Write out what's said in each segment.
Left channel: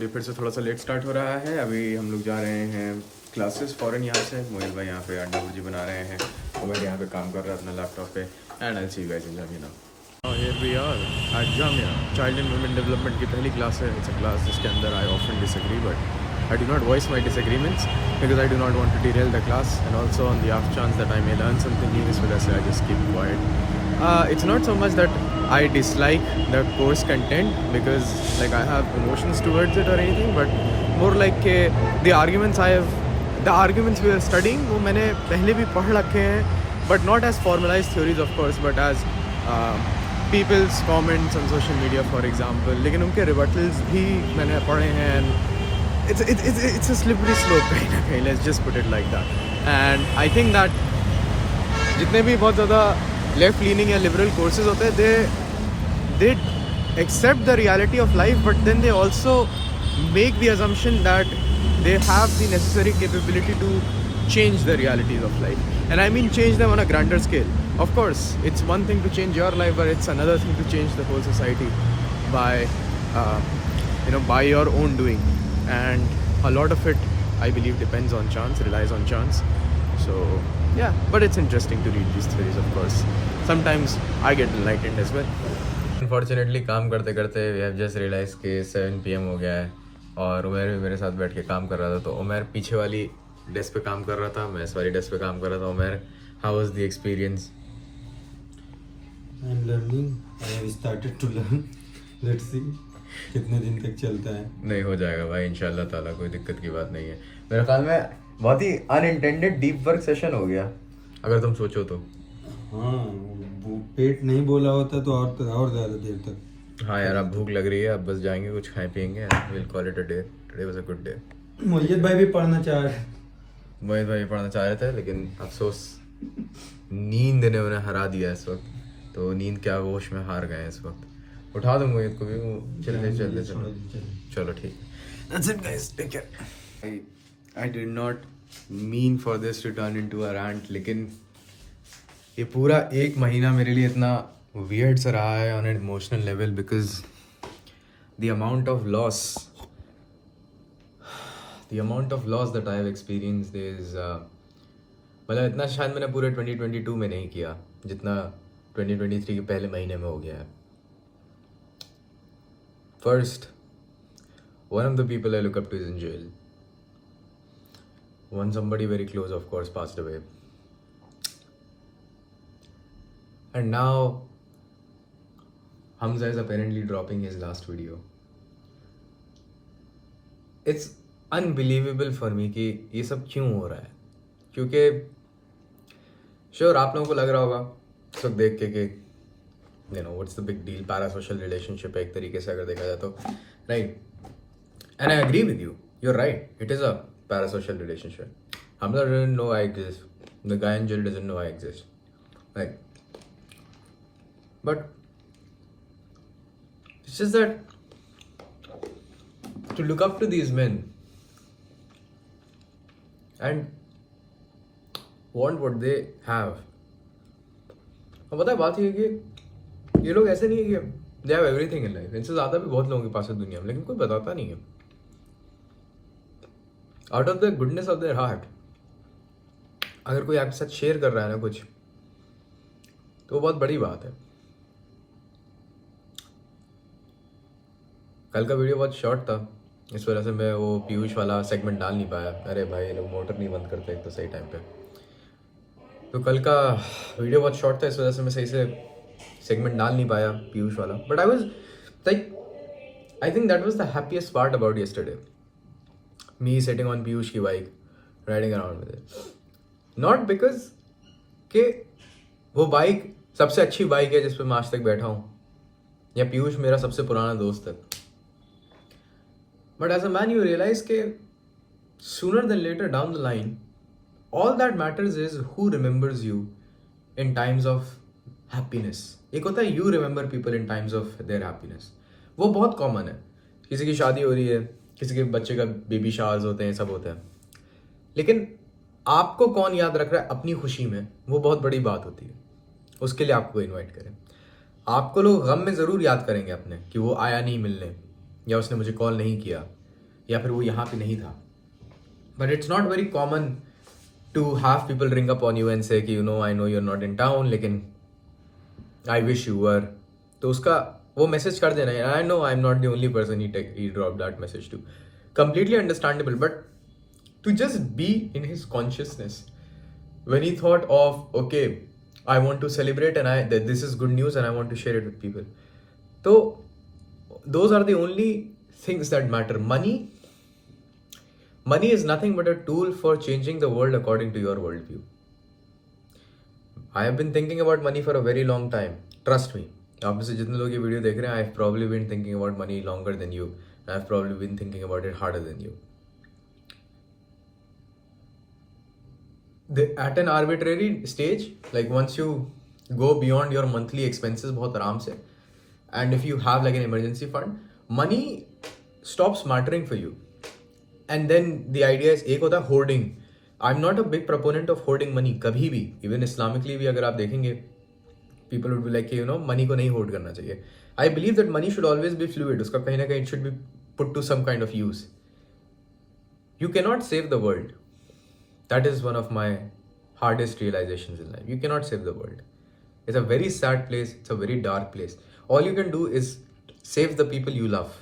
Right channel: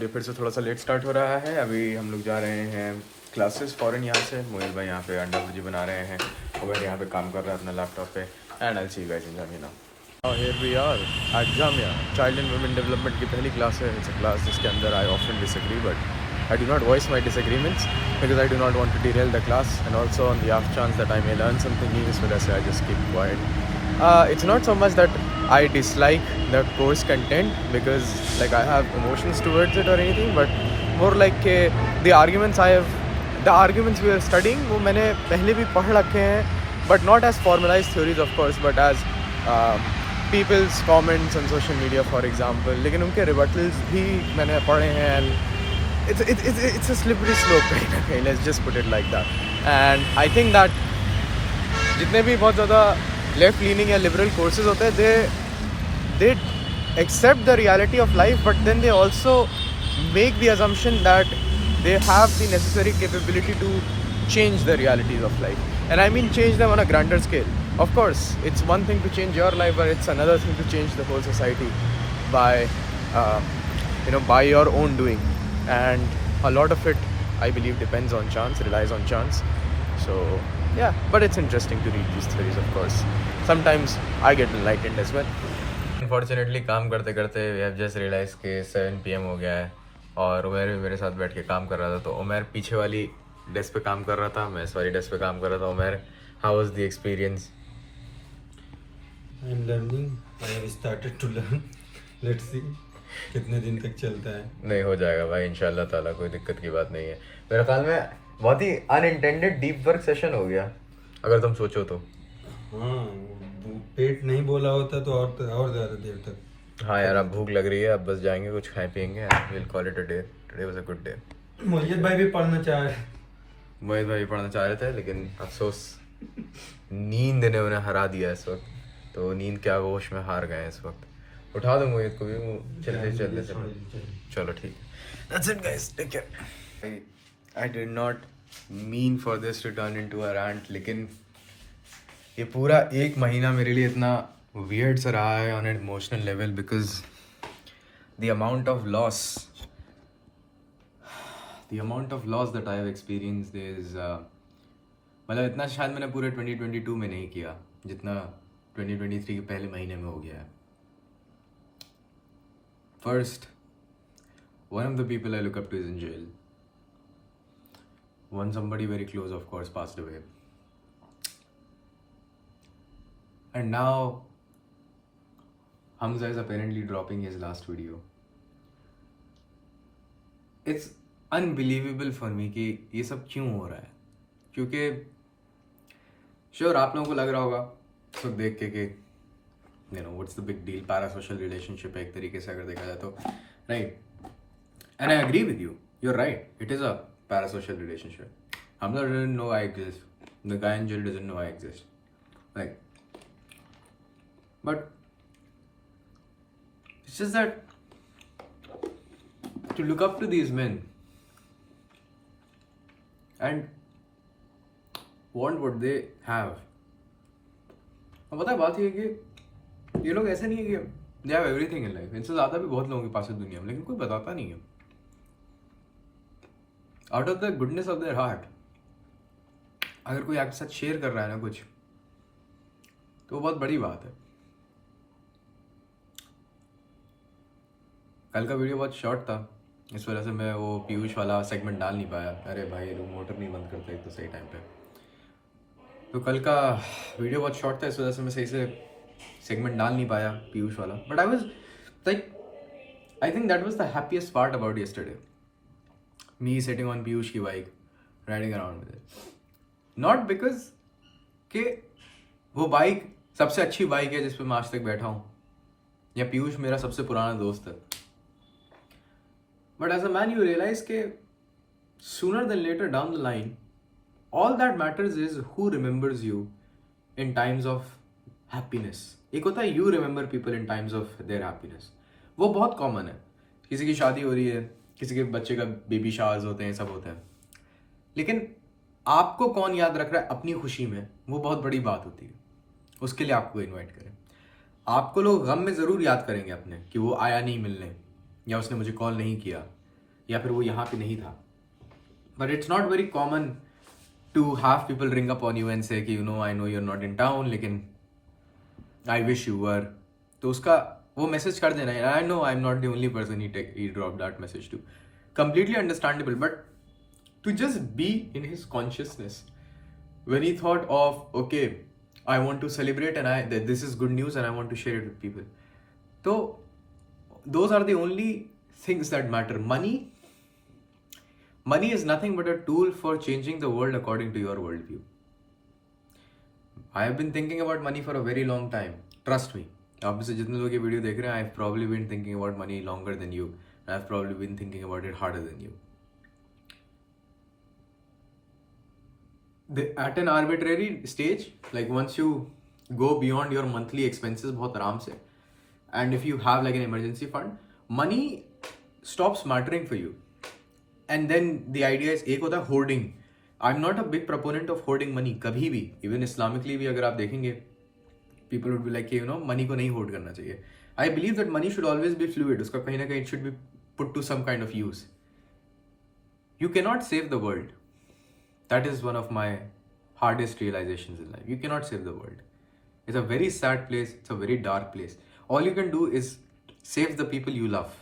ये फिर से थोड़ा सा लेट स्टार्ट हो रहा है। अभी हम लोग जा रहे हैं क्लासेस फ़ौरन यहाँ से। मोहिल भाई यहाँ पे अंडा भुर्जी बना रहे हैं और मैं यहाँ पे काम कर रहा है अपना लैपटॉप पे। And I see you guys in Jamia now. Here we are at Jamia. Child and women development की पहली क्लास है। इट्स अ क्लास जिसके अंदर I often disagree but I do not voice my disagreements because I do not want to derail the class and also on the off chance that I may learn something new. इस वजह से I just keep quiet. It's not so much that I dislike the course content because like I have emotions towards it or anything, but more like the arguments we are studying वो मैंने पहले भी पढ़ रखे हैं, but not as formalized theories of course, but as people's comments on social media for example. लेकिन उनके rebuttals भी मैंने पढ़े हैं and it's a slippery slope कहीं ना कहीं. Let's just put it like that. And I think that जितने भी बहुत ज़्यादा लेफ्ट लीनिंग या लिबरल कोर्सेज होते हैं they accept the reality of life but then they also make the assumption that they have the necessary capability to change the realities of life. And I mean change them on a grander scale. Of course, it's one thing to change your life, but it's another thing to change the whole society by your own doing. And a lot of it, I believe, depends on chance, relies on chance. So yeah, but it's interesting to read these theories, of course. Sometimes I get enlightened as well. Unfortunately, काम करते करते we have just realized कि 7 PM हो गया है और उमर भी मेरे साथ बैठ के काम कर रहा था. तो उमर पीछे वाली डेस्क पे काम कर रहा था, मैं इस वाली डेस्क पे काम कर रहा था. Umar, how was the experience? I'm learning. I have started to learn. Let's see कितने दिन तक चलता है. नहीं, हो जाएगा भाई इंशाल्लाह ताला, कोई दिक्कत की बात नहीं है. मेरे ख्याल में बहुत ही अनइंटेंडेड डीप वर्क सेशन हो गया अगर तुम सोचो तो. हाँ, पेट नहीं बोला होता तो और ज़्यादा देर तक. हाँ यार, अब भूख लग रही है, अब बस जाएंगे कुछ खाए पियेंगे. Will call it a day. Today was a good day. Mohit भाई भी पढ़ना चाह रहे. मोहित भाई पढ़ना चाह रहे थे लेकिन अफसोस नींद ने उन्हें हरा दिया इस वक्त. तो नींद के आगोश में हार गए इस वक्त. उठा दो मोहित को भी. चलो ठीक है. That's it guys, take care. I did not mean for this to turn into a rant, लेकिन ये पूरा एक महीना मेरे लिए इतना weird सा रहा है on an emotional level because the amount of loss that I have experienced is मतलब इतना शायद मैंने पूरे 2022 में नहीं किया जितना 2023 के पहले महीने में हो गया है. First, one of the people I look up to is in jail. Somebody very close, of course, passed away. And now, Hamza is apparently dropping his last video. It's unbelievable for me कि ये सब क्यों हो रहा है. क्योंकि sure आप लोगों को लग रहा होगा सब देख के कि what's the big deal, parasocial relationship है एक तरीके से अगर देखा जाए तो, right? And I agree with you. You're right. It is a parasocial relationship. Hamza doesn't know I exist. The guy in jail doesn't know I exist. Right? But it's just that to look up to these men and want what they have. अब पता है बात ये कि ये लोग ऐसे नहीं है कि they have everything in life. इनसे ज़्यादा भी बहुत लोगों के पास है दुनिया में, लेकिन कोई बताता नहीं है. Out of the goodness of their heart अगर कोई आपके साथ शेयर कर रहा है ना कुछ, तो वो बहुत बड़ी बात है. कल का वीडियो बहुत शॉर्ट था, इस वजह से मैं वो पीयूष वाला सेगमेंट डाल नहीं पाया. अरे भाई, ये लोग मोटर नहीं बंद करते एक तो सही टाइम पे. तो कल का वीडियो बहुत शॉर्ट था, इस वजह से मैं सही से सेगमेंट डाल नहीं पाया पीयूष वाला. But I was like, I think that was the happiest part about yesterday. Me sitting on Piyush की bike, riding around with it. Not because कि वो बाइक सबसे अच्छी बाइक है जिस पे मैं आज तक बैठा हूँ, या पीयूष मेरा सबसे पुराना दोस्त है. But as a man you realize कि sooner than later down the line, all that matters is who remembers you in times of happiness. एक होता है you remember people in times of their happiness. वो बहुत common है. किसी की शादी हो रही है, किसी के बच्चे का बेबी शावर्स होते हैं, सब होता है. लेकिन आपको कौन याद रख रहा है अपनी खुशी में, वो बहुत बड़ी बात होती है. उसके लिए आपको इनवाइट करें. आपको लोग गम में ज़रूर याद करेंगे अपने कि वो आया नहीं मिलने, या उसने मुझे कॉल नहीं किया, या फिर वो यहाँ पे नहीं था. But it's not very common to have people ring up on you and say कि you know I know you're not in town लेकिन I wish you were. तो उसका वो मैसेज कर देना. I know I'm not the only person he dropped that message to. Completely understandable, but to just be in his consciousness when he thought of okay, I want to celebrate and this is good news and I want to share it with people. So those are the only things that matter. Money is nothing but a tool for changing the world according to your worldview. I have been thinking about money for a very long time. Trust me. आप में से जितने लोग ये video देख रहे हैं, I've probably been thinking about money longer than you. I've probably been thinking about it harder than you. At an arbitrary stage, like once you go beyond your monthly expenses बहुत आराम से, and if you have like an emergency fund, money stops mattering for you. And then the idea is एक होता है hoarding. I'm not a big proponent of hoarding money कभी भी. Even Islamically भी अगर आप देखेंगे, people would be like you know money को नहीं hoard करना चाहिए. I believe that money should always be fluid. उसका कहीं ना कहीं it should be put to some kind of use. You cannot save the world. That is one of my hardest realizations in life. You cannot save the world. It's a very sad place. It's a very dark place. All you can do is save the people you love.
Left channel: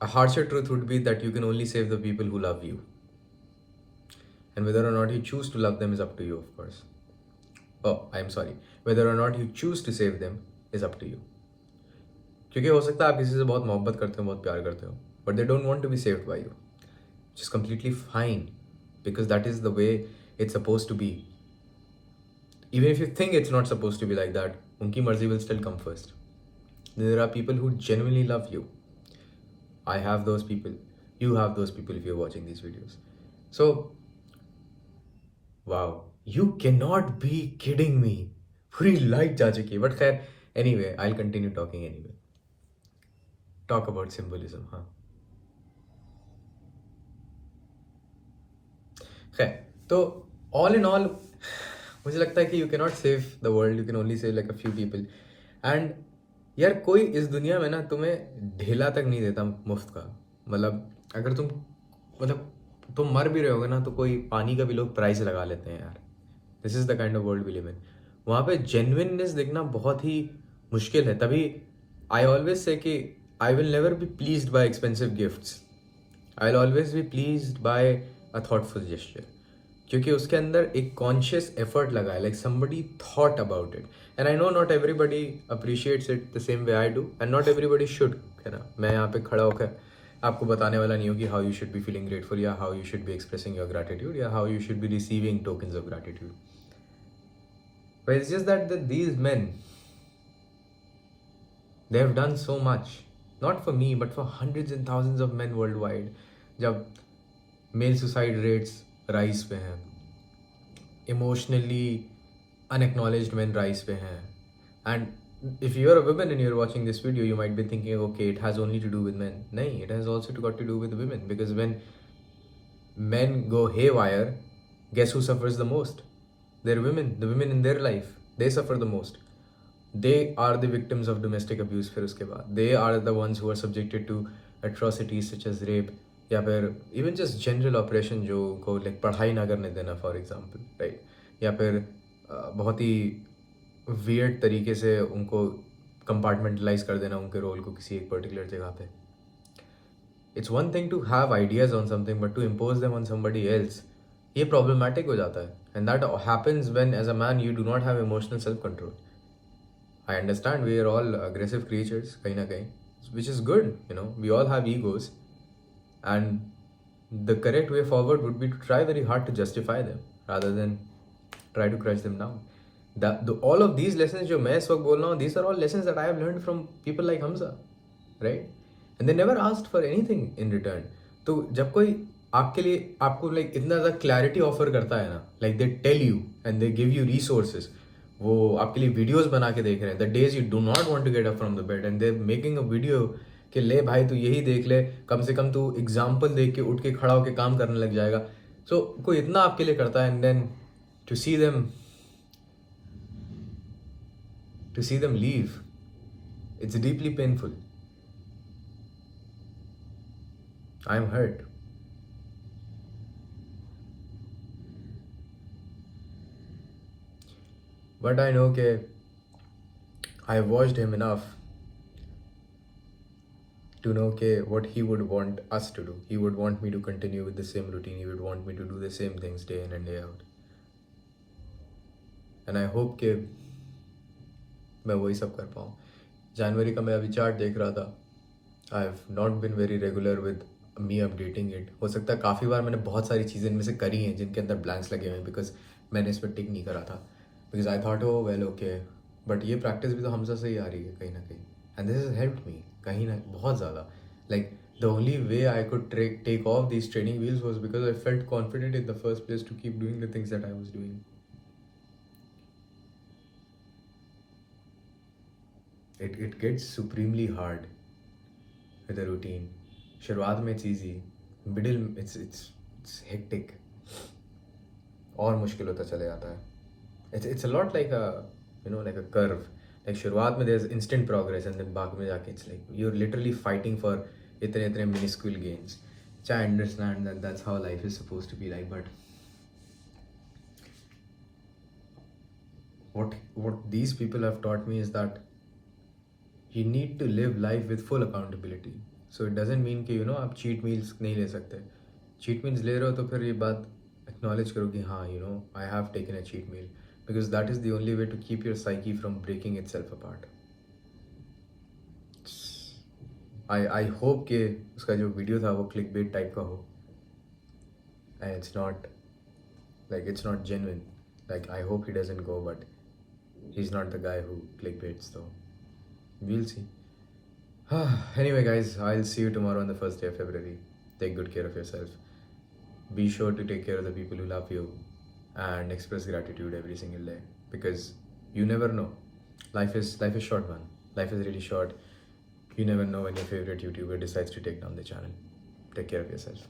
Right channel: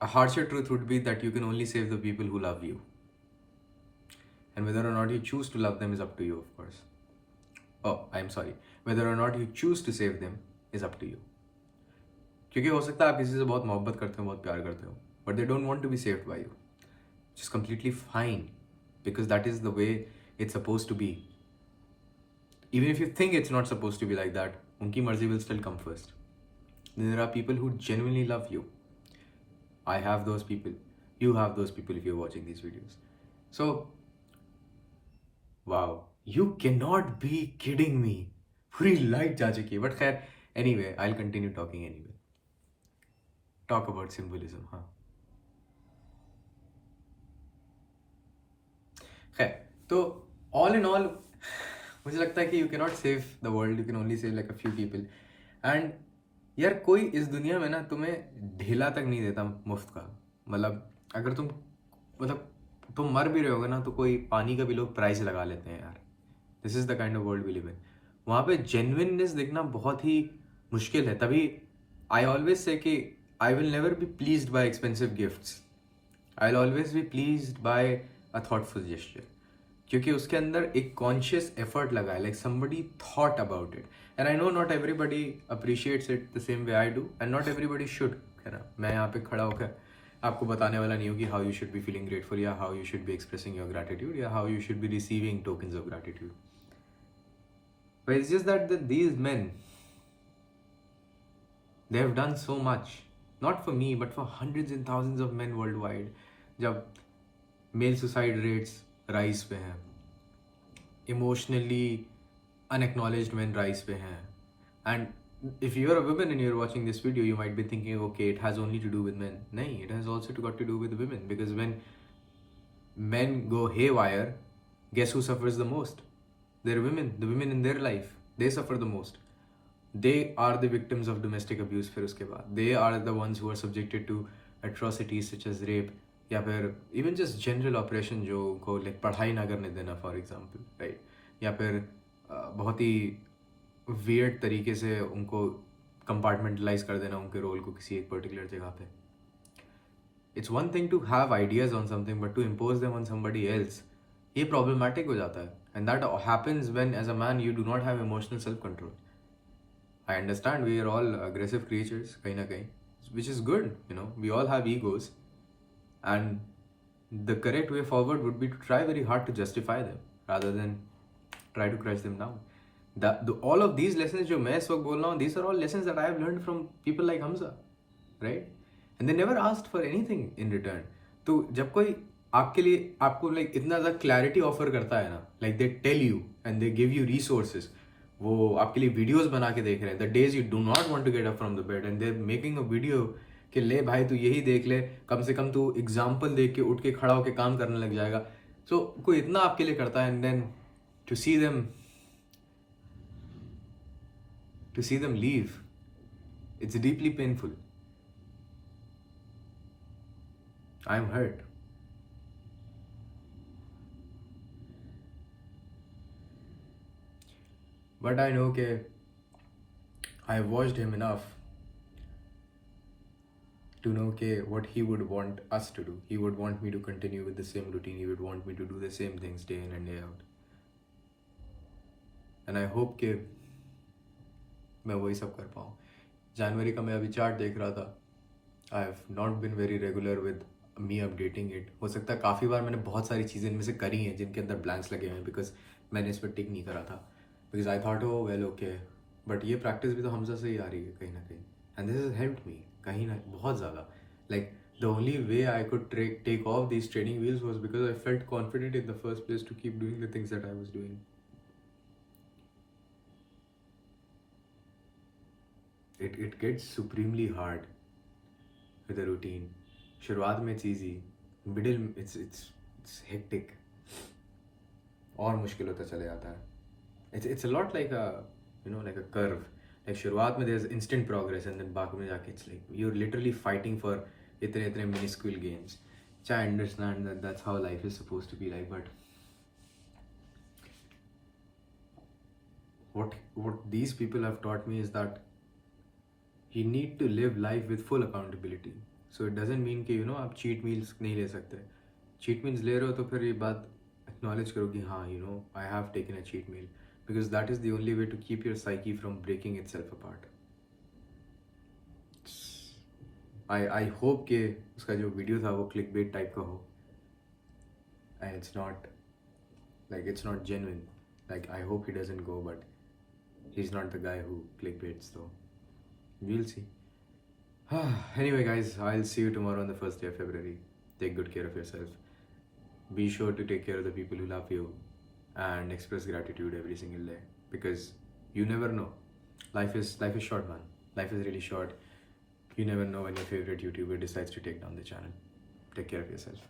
A harsher truth would be that you can only save the people who love you. And whether or not you choose to love them is up to you, of course. Oh, I'm sorry. Whether or not you choose to save them is up to you. क्योंकि हो सकता है आप किसी से बहुत मोहब्बत करते हो, बहुत प्यार करते हो, but they don't want to be saved by you. Which is completely fine because that is the way it's supposed to be. Even if you think it's not supposed to be like that, उनकी मर्जी will still come first. There are people who genuinely love you. I have those people. You have those people if you're watching these videos. So, wow, you cannot be kidding me. पूरी light जा चुकी है. But खैर, anyway, I'll continue talking anyway. Talk about symbolism, हाँ. खैर, तो all in all, मुझे लगता है कि you cannot save the world. You can only save like a few people. And यार कोई इस दुनिया में ना तुम्हें ढेला तक नहीं देता मुफ्त का. मतलब अगर तुम मर भी रहे होगे ना तो कोई पानी का भी लोग प्राइस लगा लेते हैं यार. This is the kind of world we live in. वहाँ पे जेन्युइननेस देखना बहुत ही मुश्किल है. तभी आई ऑलवेज से कि I will never be pleased by expensive gifts. I will always be pleased by a thoughtful gesture. क्योंकि उसके अंदर एक कॉन्शियस एफर्ट लगा है. Like somebody thought about it. And I know not everybody appreciates it the same way I do and not everybody should. है ना, मैं यहाँ पे खड़ा होकर आपको बताने वाला नहीं हूँ कि how you should be feeling grateful या how you should be expressing your gratitude या how you should be receiving tokens of gratitude. But it's just that these men they have done so much, not for me but for hundreds and thousands of men worldwide. जब mail suicide rates rise पे हैं, emotionally unacknowledged men rise पे हैं. And if you are a woman and you're watching this video, you might be thinking okay, it has only to do with men. नहीं, it has also got to do with women, because when men go haywire, guess who suffers the most? They're women. The women in their life, they suffer the most. They are the victims of domestic abuse. फिर उसके बाद they are the ones who are subjected to atrocities such as rape या फिर even just general oppression जो को like पढ़ाई ना करने देना for example, right? या फिर बहुत ही weird तरीके से उनको compartmentalize कर देना उनके रोल को किसी एक particular जगह पे. It's one thing to have ideas on something but to impose them on somebody else, ये problematic हो जाता है. And that happens when as a man you do not have emotional self-control. I understand we are all aggressive creatures, kahin na kahin, which is good, you know, we all have egos, and the correct way forward would be to try very hard to justify them rather than try to crush them down. All of these lessons जो मैं इस वक्त बोल रहा हूँ, these are all lessons that I have learned from people like Hamza, right? And they never asked for anything in return. तो जब कोई आपके लिए आपको like इतना ज़्यादा clarity offer करता है ना, like they tell you and they give you resources, वो आपके लिए वीडियोस बना के देख रहे हैं. The days you do not want to get up from the bed and they making a video कि ले भाई तू यही देख ले, कम से कम तू एग्जाम्पल देख के उठ के खड़ा होके काम करने लग जाएगा. सो कोई इतना आपके लिए करता है and then to see them leave, it's deeply painful. I'm hurt. But I know that I watched him enough to know what he would want us to do. He would want me to continue with the same routine. He would want me to do the same things day in and day out. And I hope कि मैं वही सब कर पाऊँ. जनवरी का मैं अभी chart देख रहा था. I have not been very regular with me updating it. हो सकता है काफ़ी बार मैंने बहुत सारी चीज़ें इनमें से करी हैं जिनके अंदर ब्लैंक्स लगे हुए हैं बिकॉज मैंने इस पर टिक नहीं करा था. Because I thought O well okay, but ये प्रैक्टिस भी तो हमसे से ही आ रही है कहीं ना कहीं. And this is help me कहीं ना बहुत ज़्यादा. Like the only way I could take off this training wheels was because I felt confident in the first place to keep doing the things that I was doing. It gets supremely hard with a routine. शुरुआत में it's easy, middle it's hectic, और मुश्किल होता चले जाता है. It's a lot like a curve. Like शुरुआत में there's instant progress and then बाद में जाके it's like you're literally fighting for इतने minuscule gains. Which I understand that that's how life is supposed to be like, but what these people have taught me is that you need to live life with full accountability. So it doesn't mean कि आप cheat meals नहीं ले सकते. Cheat meals ले रहे हो तो फिर ये बात acknowledge करो कि हाँ I have taken a cheat meal, because that is the only way to keep your psyche from breaking itself apart. I hope कि उसका जो वीडियो था वो clickbait टाइप का हो, and it's not genuine. Like I hope he doesn't go, but he's not the guy who clickbaits though. We'll see. Anyway guys, I'll see you tomorrow on the first day of February. Take good care of yourself. Be sure to take care of the people who love you and express gratitude every single day, because you never know. Life is short, man. Life is really short. You never know when your favorite YouTuber decides to take down the channel. Take care of yourself.